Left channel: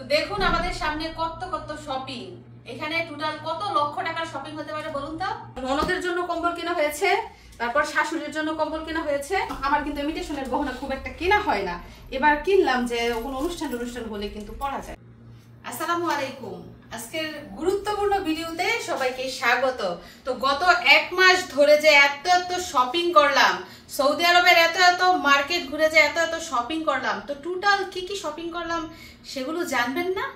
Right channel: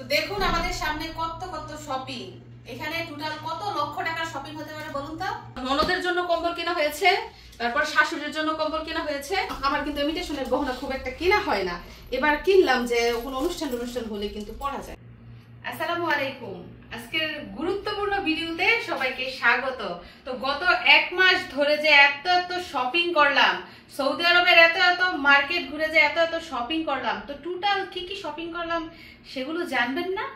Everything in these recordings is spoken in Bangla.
তো দেখুন আমাদের সামনে কত কত শপিং। এখানে টোটাল কত লক্ষ টাকার শপিং হতে পারে বলুন তো। ননদের জন্য কম্বল কেনা হয়েছে, তারপর শাশুড়ির জন্য কম্বল কেনা হয়েছে। আমার কিন্তু ইমিটেশনের গহনা খুব একটা কেনা হয় না, এবার কিনলাম যে কোনো অনুষ্ঠান হলে কিন্তু পরা যায়। আসসালামু আলাইকুম, আজকের গুরুত্বপূর্ণ ভিডিওতে সবাইকে স্বাগত। তো গত এক মাস ধরে যে এত এত শপিং করলাম, সৌদি আরবের এত এত মার্কেট ঘুরে যে এত এত শপিং করলাম, তো টোটাল কি কি শপিং করলাম সেগুলো জানবেন না?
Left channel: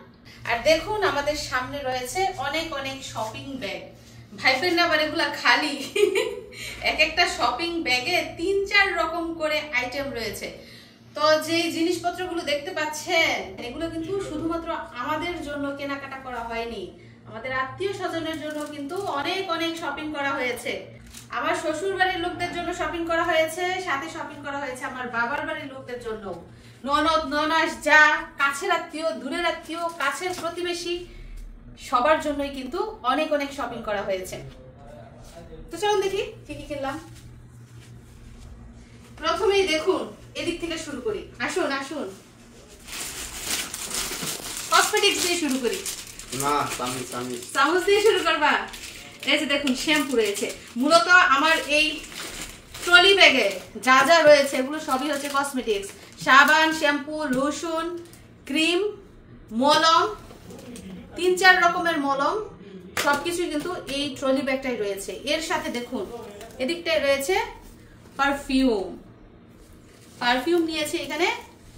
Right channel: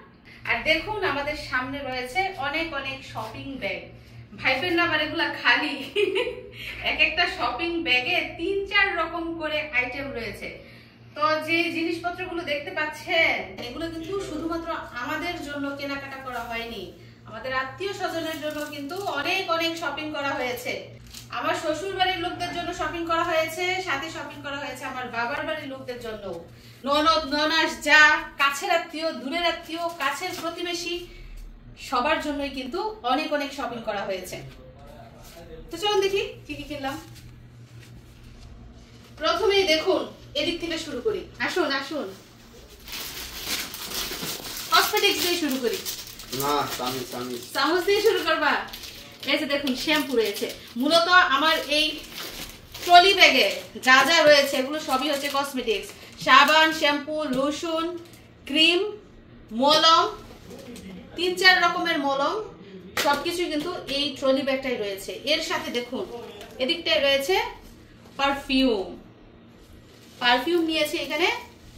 আর দেখুন আমাদের সামনে রয়েছে অনেক অনেক শপিং ব্যাগ। ভাইবেন না আবার এগুলা খালি এক একটা শপিং ব্যাগে ৩-৪ রকম করে আইটেম রয়েছে। তো যে জিনিসপত্রগুলো দেখতে পাচ্ছেন এগুলো কিন্তু শুধুমাত্র আমাদের জন্য কেনাকাটা করা হয়নি, আমাদের আত্মীয় স্বজনের জন্য কিন্তু অনেক অনেক শপিং করা হয়েছে। আমার শ্বশুর বাড়ির লোকদের জন্য শপিং করা হয়েছে, সাথে শপিং করা হয়েছে আমার বাবার বাড়ির লোকদের জন্য। ননদ ননাস যা কাছের আত্মীয়, দূরের আত্মীয়, কাছের প্রতিবেশী সবার জন্যই কিন্তু অনেক অনেক শপিং করা হয়েছে। তো চলুন দেখি কি কি কিনলাম। প্রথমেই দেখুন এদিক থেকে শুরু করি, আসুন আসুন কসমেটিক্স দিয়ে শুরু করি। না চামচ দিয়ে শুরু করবা? এই যে দেখুন শ্যাম্পু রয়েছে। মূলত আমার এই ট্রলি ব্যাগে যা যা রয়েছে এগুলো সবই হচ্ছে কসমেটিক্স। সাবান, শ্যাম্পু, লোশন, ক্রিম, মলম, ৩-৪ রকমের মলম, সবকিছু কিন্তু এই ট্রলি ব্যাগটাই রয়েছে। এর সাথে দেখুন এদিকটায় রয়েছে পারফিউম। পারফিউম নিয়েছে এখানে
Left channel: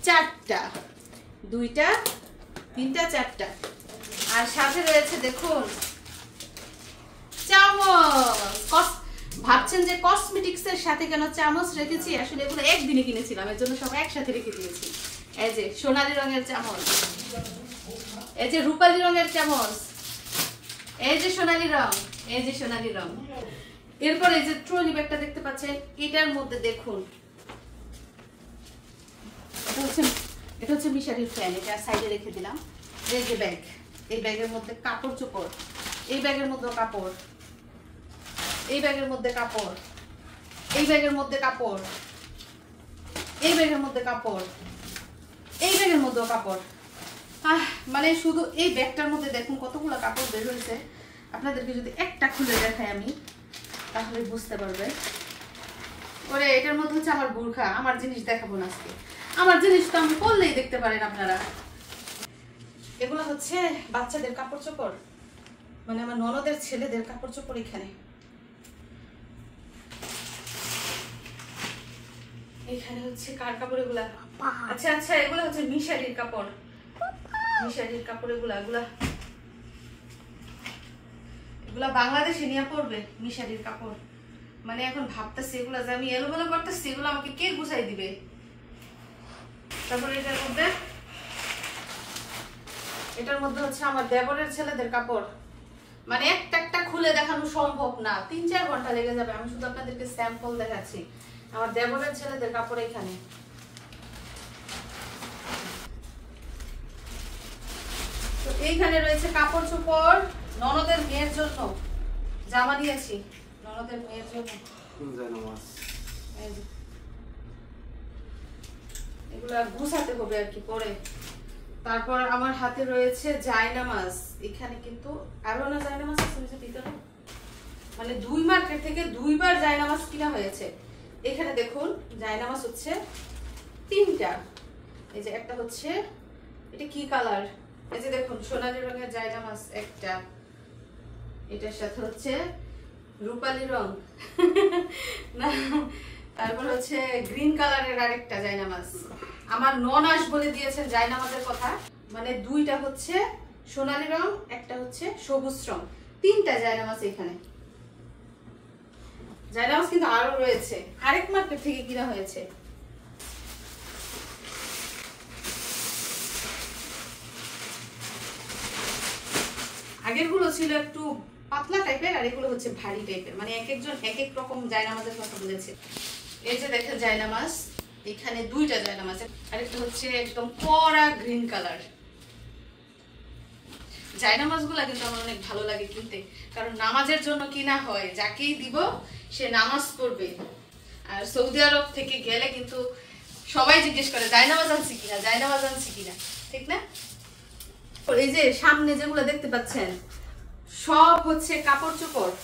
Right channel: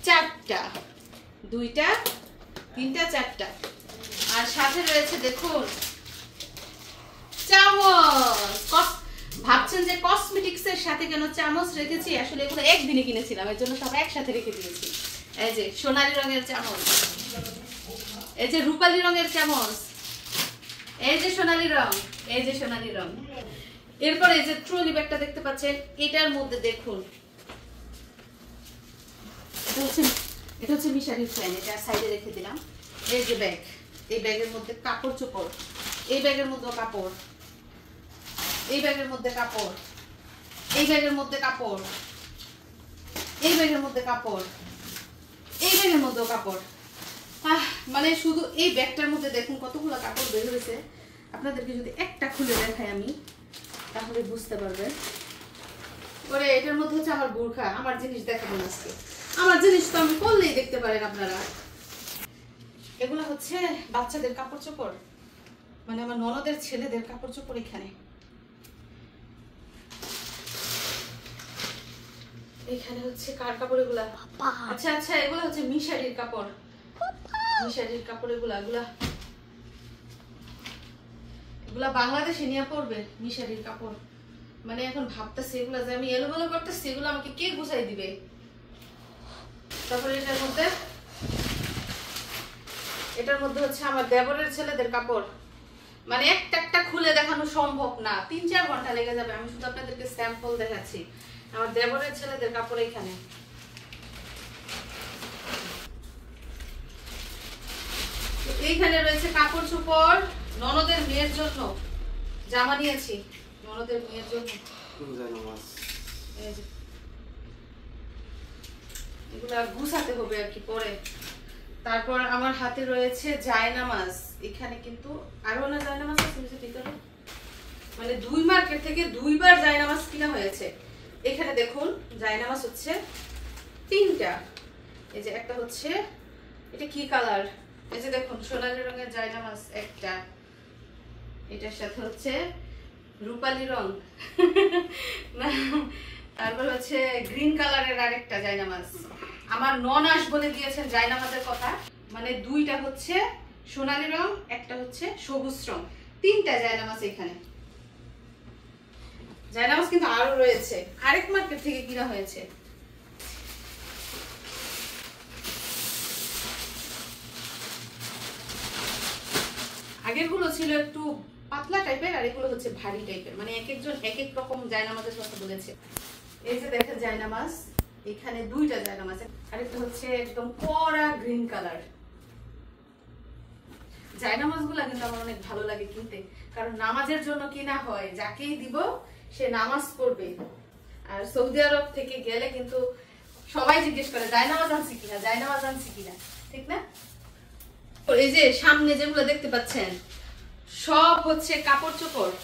4টা, 2টা, 3টা, 4টা। আর সাথে রয়েছে দেখুন চামচ। ভাবছেন যে কসমেটিক্স এর সাথে কেন চামচ রেখেছি, আসলে এগুলো একদিনে কিনেছিলাম, এর জন্য সব একসাথে রেখে দিয়েছি। এই যে সোনালী রঙের চামচ, এই যে রূপালী রঙের চামচ, এই যে সোনালী রং, এই যে সোনালী রং। এরপর এই যে ট্রলি ব্যাগটা দেখতে পাচ্ছেন, এটার মধ্যে দেখুন এটা হচ্ছে মিশারির ফ্যান, এটা সাইডে রেখে দিলাম। এই যে ব্যাগ, এই ব্যাগের মধ্যে কাপড় চোপড়, এই ব্যাগের মধ্যে কাপড়, এই ব্যাগের মধ্যে কাপড়, এই ব্যাগের মধ্যে কাপড়, এই ব্যাগের মধ্যে কাপড়, এই ব্যাগের মধ্যেও কাপড়। মানে শুধু এই ব্যাগটার মধ্যে দেখুন কতগুলো কাপড় বের হয়েছে। আপনাদেরকে যদি একটা খুলে দেখাই আমি তাহলে বুঝতে পারবে। ওরে এটার মধ্যে হচ্ছে আমার বোরখা। আমার জিনিস দেখাবো না আজকে, আমার জিনিস তো আমি করলেই দেখতে পারেন আপনারা। এগুলো হচ্ছে বাচ্চাদের কাপড় চোপড়, মানে আমার ননদের ছেলেদের কাপড় চোপড়। এখানে এখানে হচ্ছে কার কাপড় এগুলা? আচ্ছা আচ্ছা, এগুলো হচ্ছে মিশারির কাপড়, মিশারির কাপড়। এগুলা বাংলাদেশে নিয়ে পড়বে মিশারির কাপড়। মানে এখন ভাবতেছি এগুলা যে আমি এলোমেলো করতেছি, এগুলো আমাকে কে গুছাই দিবে। তারপরে এটার মধ্যে হচ্ছে আমার দেবরের ছেলেদের কাপড়। মানে একটা একটা খুলে দেখানো সম্ভব না, ৩-৪ ঘন্টা লেগে যাবে। আমি শুধু আপনাদেরকে স্যাম্পল দেখাচ্ছি। আমার দেবরের ছেলেদের কাপড় এখানে। তো এইখানে রয়েছে কাপড় চোপড়। ননদের মেয়ের জন্য জামা নিয়েছি, ননদের মেয়ের জন্য। এগুলা গুছাতে হবে আর কি পরে। তারপর আমার হাতে রয়েছে জায়নামাজ। এখানে কিন্তু আরো না জায়নামাজ আছে ভিতরে, মানে 2 মার্কেট থেকে 2 বার জায়নামাজ কিনা হয়েছে। এখানে দেখুন জায়নামাজ হচ্ছে 3টা। এই যে একটা হচ্ছে, এটা কি কালার? এই যে দেখুন সোনালী রঙের জায়নামাজ একটা, এটার সাথে হচ্ছে রূপালী রং তারপর হচ্ছে গ্রিন কালারের আরেকটা জায়নামাজ। আমার ননাস বলে দিয়েছেন জায়নামাজের কথা, মানে 2টা হচ্ছে সোনালী রং, একটা হচ্ছে সবুজ রং। 3টা জায়নামাজ এখানে। জায়নামাজ কিন্তু আরো রয়েছে, আরেক মার্কেট থেকে কিনা হয়েছে। আগের গুলো ছিল একটু পাতলা টাইপের, আর এগুলো হচ্ছে ভারী টাইপের, মানে এক একজন এক এক রকম জায়নামাজের কথা বলেছে। এই যে দেখেন জায়নামাজ, এখানে 2টা জায়নামাজ, আর একটা হচ্ছে একদম কড়া গ্রিন কালার। জায়নামাজগুলো কিন্তু আমার অনেক ভালো লাগে কিনতে, কারণ নামাজের জন্য কিনা হয়। যাকেই দিব সে নামাজ পড়বে। আর সৌদি আরব থেকে গেলে কিন্তু সবাই জিজ্ঞেস করে জায়নামাজ আনছি কিনা, জায়নামাজ আনছি কিনা, ঠিক না? এই যে সামনে যেগুলো দেখতে পাচ্ছেন সব হচ্ছে কাপড় চোপড়।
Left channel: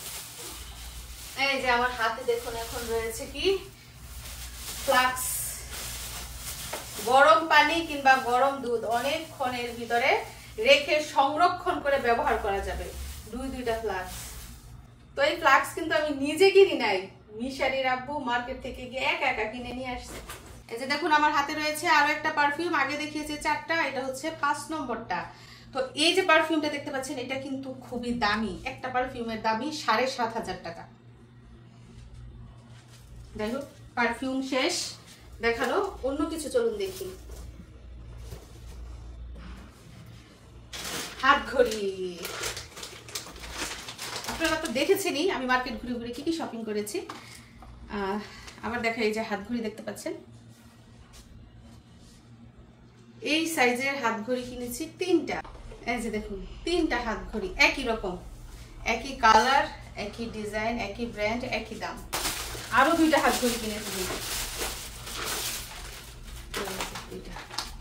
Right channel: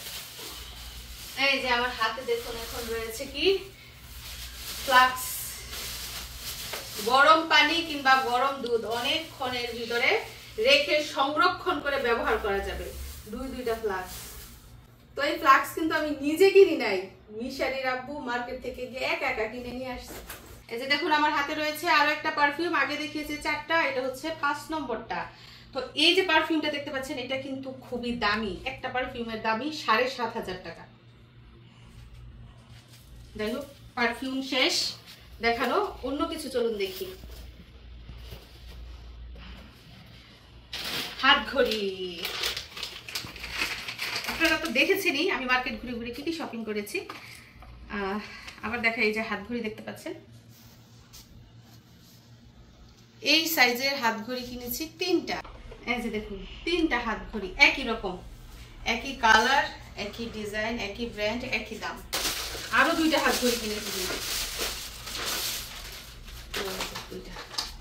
এই যে আমার হাতে দেখুন এখন রয়েছে কি ফ্লাক্স, গরম পানি কিংবা গরম দুধ অনেকক্ষণের ভিতরে রেখে সংরক্ষণ করে ব্যবহার করা যাবে। দুইটা ফ্লাক্স। তো এই ফ্লাক্স কিন্তু আমি নিজে কিনি নাই, মিশারির আব্বু মার্কেট থেকে গিয়ে একা কিনে নিয়ে আসছে। এই যে দেখুন আমার হাতে রয়েছে আরো একটা পারফিউম, আগে দেখিয়েছে 4টা, এটা হচ্ছে 5 নম্বরটা। তো এই যে পারফিউমটা দেখতে পাচ্ছেন এটা কিন্তু খুবই দামি, একটা পারফিউমের দামই 7,500 টাকা। যাই হোক পারফিউম শেষ দেখানো, অন্য কিছু চলুন দেখি। হাত ঘড়ি আপনারা তো দেখেছেনই আমি মার্কেট ঘুরে ঘুরে কি শপিং করেছি। আবার দেখা, এই যে হাত ঘড়ি দেখতে পাচ্ছেন, এই সাইজের হাত ঘড়ি কিনেছি 3টা। এই যে দেখুন 3টা হাত ঘড়ি একই রকম, একই কালার, একই ডিজাইন, একই ব্র্যান্ড, একই দাম। আরো 2টা হাত ঘড়ি কিনেছি,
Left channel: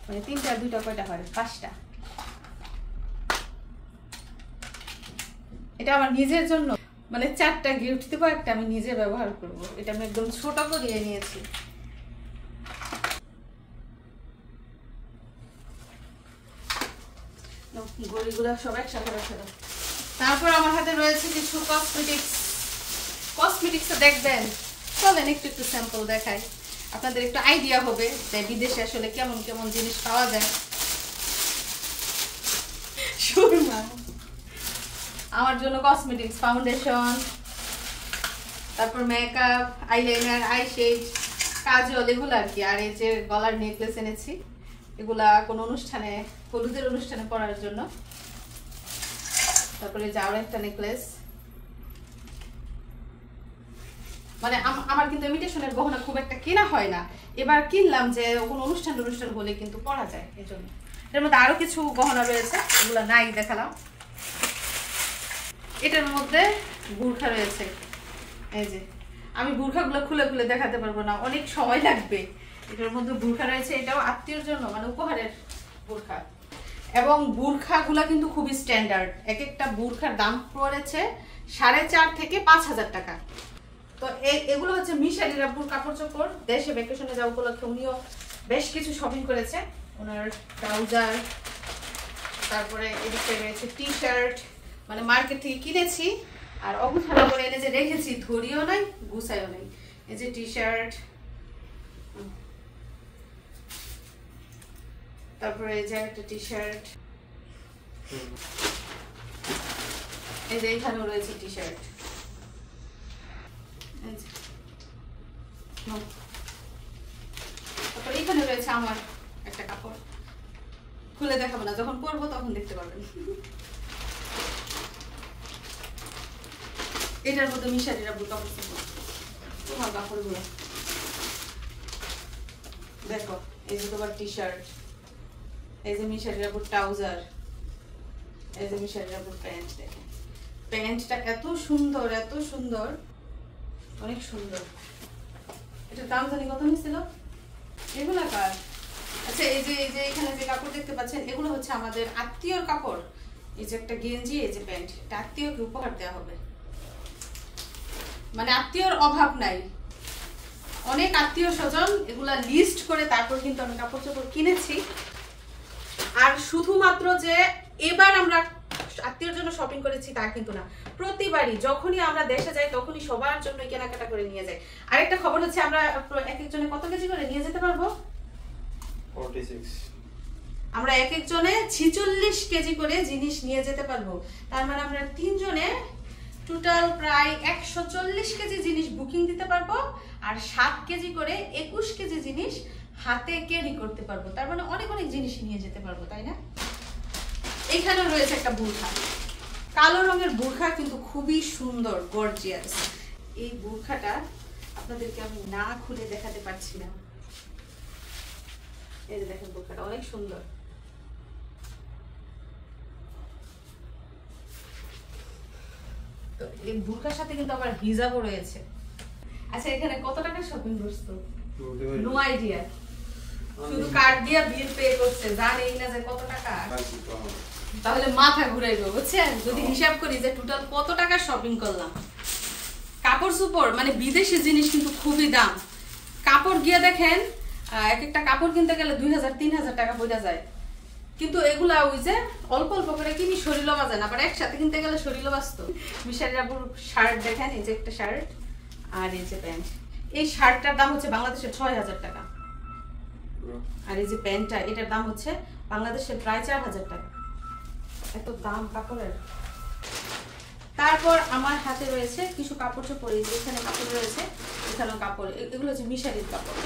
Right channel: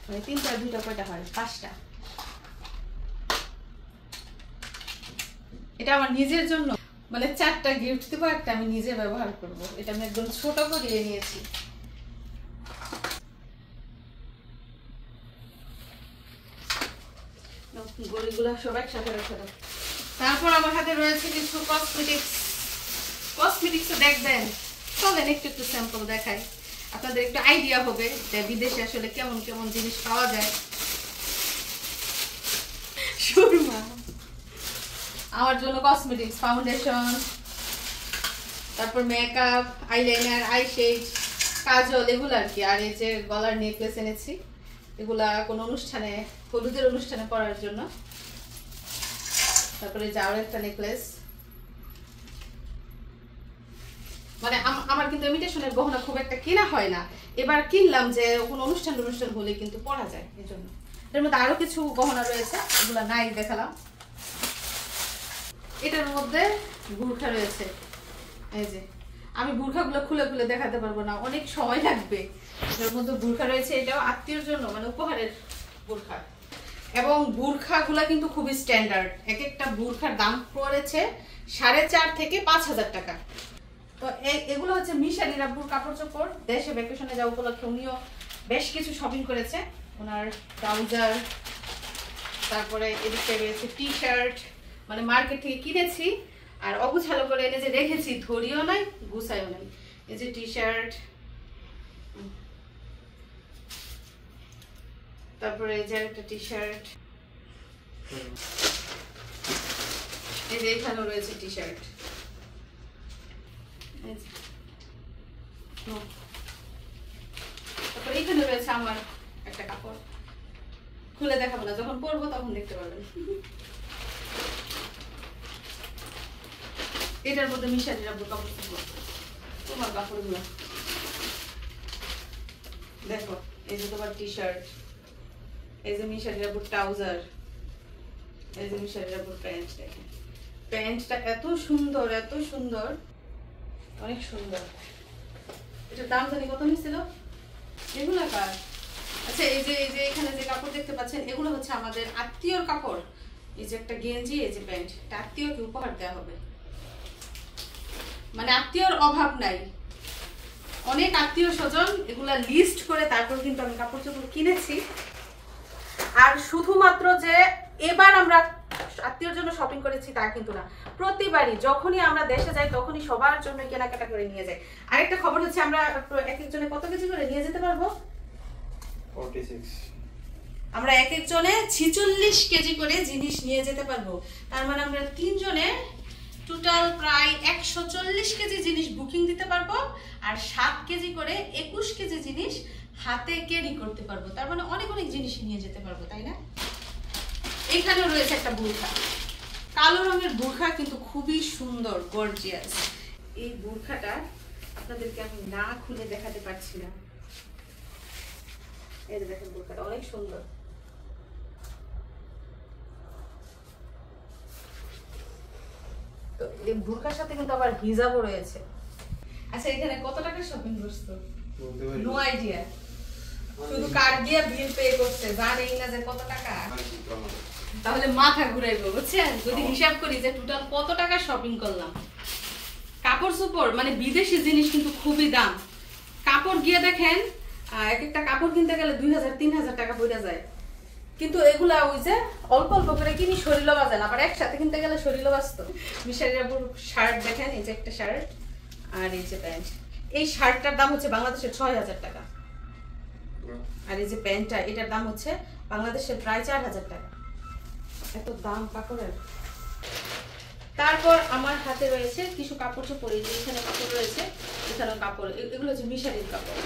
মানে 3টা 2টা কয়টা হয় 5টা। এটা আমার নিজের জন্য, মানে 4টা গিফট দেবো, একটা আমি নিজে ব্যবহার করব। এটা আমি একদম ছোট করে নিয়েছি। গড়িগুলো সব একসাথে রেখে দাও। তারপর আমার হাতে রয়েছে কিছু কসমেটিক্স দেখবেন, চলেন একটু স্যাম্পল দেখাই, আপনাদের একটু আইডিয়া হবে যে বিদেশে আসলে কেমন কেমন জিনিস পাওয়া যায়। সুরমা আমার জন্য কসমেটিক্স, ফাউন্ডেশন, তারপর মেকআপ, আইলাইনার, আইশেড, কাজল, এগুলো আর কি। আর এই যে গলার নেকলেস এনেছি, এগুলা কোন অনুষ্ঠানে, হলুদের অনুষ্ঠানে পরার জন্য। তারপরে যাওয়ার একটা নেকলেস, মানে আমার কিন্তু ইমিটেশনের গহনা খুব একটা কেনা হয় না, এবার কিনলাম যে কোনো অনুষ্ঠান হলে কিন্তু পরা যায়, এই জন্য। এর মধ্যে আরো কিছু গহনা রয়েছে, এগুলা নাই দেখালাম। এটার মধ্যে বুরখা রয়েছে, এই যে আমি বুরখাগুলো খুলে খুলে দেখাতে পারবো না, অনেক সময় লাগবে। এটার মধ্যে বুরখা রয়েছে, এটাও আত্মীয়র জন্য, মানে উপহারের বুরখা। এবং বুরখাগুলা কিন্তু খুবই স্ট্যান্ডার্ড, এক একটা বুরখার দাম পড়েছে 4,500 থেকে 5,000 টাকা। তো এগুলো হচ্ছে মিশারির আব্বুর কাপড় চোপড়, দেশে ভ্যাকেশনে যাওয়া উপলক্ষে উনিও বেশ কিছু শপিং করেছে। ওনার ট্রাউজার, তারপরে এদিকে রয়েছে টি শার্ট, মানে মার্কেট থেকে কিনেছি আর অগুছালো করে এনে যে রেখেছি, ধরিও নাই গুছাইও নাই। এই যে টি শার্ট, তারপরে এই যে একটা টি শার্ট, এই যে এখানেও রয়েছে টি শার্ট। তারপরে এখানে রয়েছে আমার একটা কাপড়, খুলে দেখাবো না, যখন পরবো তখন দেখতে পারবেন। এটার মধ্যে মিশারির আব্বুর কাপড়, তোমার কাপড়গুলো দেখো। এই যে তোমার টি শার্ট, এই যে মিশারির আব্বুর ট্রাউজার, এই যে মিশারির আব্বুর প্যান্ট। দেখেন প্যান্টটা এত সুন্দর, এত সুন্দর, অনেক সুন্দর। এটার দাম জানি কত নিয়েছিল, এগুলো কার? আচ্ছা এই যে এখানে যে কাপড় দেখতে পাচ্ছেন, এগুলো হচ্ছে আমাদের আত্মীয়র কাপড়। এই যে একটা গেঞ্জি, এই যে প্যান্ট, এটা আত্মীয়কে উপহার দেওয়া হবে। মানে আত্মীয়র অভাব নাই, অনেক আত্মীয় স্বজন, এগুলা লিস্ট করে তারপর কিন্তু আমি কাপড় চোপড় কিনেছি। আর শুধুমাত্র যে এবার আমরা আত্মীয়র জন্য শপিং করেছি তা কিন্তু না, প্রতিবারই যখনই আমরা দেশে যাই তখনই সবার জন্য কেনাকাটা করে নিয়ে যাই। আরেকটা খবর হচ্ছে আমরা এক একজনে কত কেজি করে নিয়ে যেতে পারবো? 46। আমরা এক একজনে 46 কেজি করে জিনিস নিয়ে যেতে পারবো। তার মানে আমরা 3 জনে টোটাল প্রায় 140 কেজি জিনিস বুকিং দিতে পারবো, আর 7 কেজি করে 21 কেজি জিনিস হাতে ক্যারি করতে পারবো। তার মানে অনেক অনেক জিনিস নিয়ে যেতে পারবো, তাই না? এখানেও রয়েছে একটা বুরখা, কালো রঙের বুরখা, কিন্তু খুবই সুন্দর, গর্জিয়াস। এই বুরখাটা আপনাদেরকে আমি না খুলে দেখাতে পারছি না। এই যে দেখেন বুরখাটা অনেক সুন্দর। তো এই বুরখার সাথে কিন্তু আবার হিজাবও রয়েছে। আচ্ছা এখানে কত টাকা শপিং করছো? নো আইডিয়া, শুধু কার্ড দিয়ে বিল পে করছে, জানেই না যে কত টাকা। তাহলে মাথা ঘুরাইবো বুঝছেন যদি হিসাব করি যে টোটাল কত টাকা শপিং করলাম। কাপড় চোপড় মানে বিদেশি জিনিস কিন্তু খুবই দাম। কাপড় গিয়ে দেখেন এক একটা কাপড় কিনতে গেলে 2000-3000 টাকা পড়ে যায়, কিন্তু এগুলা ওই যে অল্প অল্প করে কিনি শরীরও বাজে না, আবার একসাথে কিনতে গেলে শরীরও বাঁচত। মিশারির আবুর শার্ট দেখেন, এই যে একটা শার্ট আর এই যে প্যান্ট। এই শার্টটার দাম হচ্ছে বাংলাদেশের 6000 টাকা, আর এই যে প্যান্টটা এটার দাম হচ্ছে বাংলাদেশের প্রায় 4000 টাকা। এত দাম কাপড়ের। তারপর আমার হাতে রয়েছে কিছু কাপড় চোপড়, এই যে এখানে কাপড় রয়েছে, এখানেও কাপড়, এগুলো হচ্ছে মিশারির কাপড়।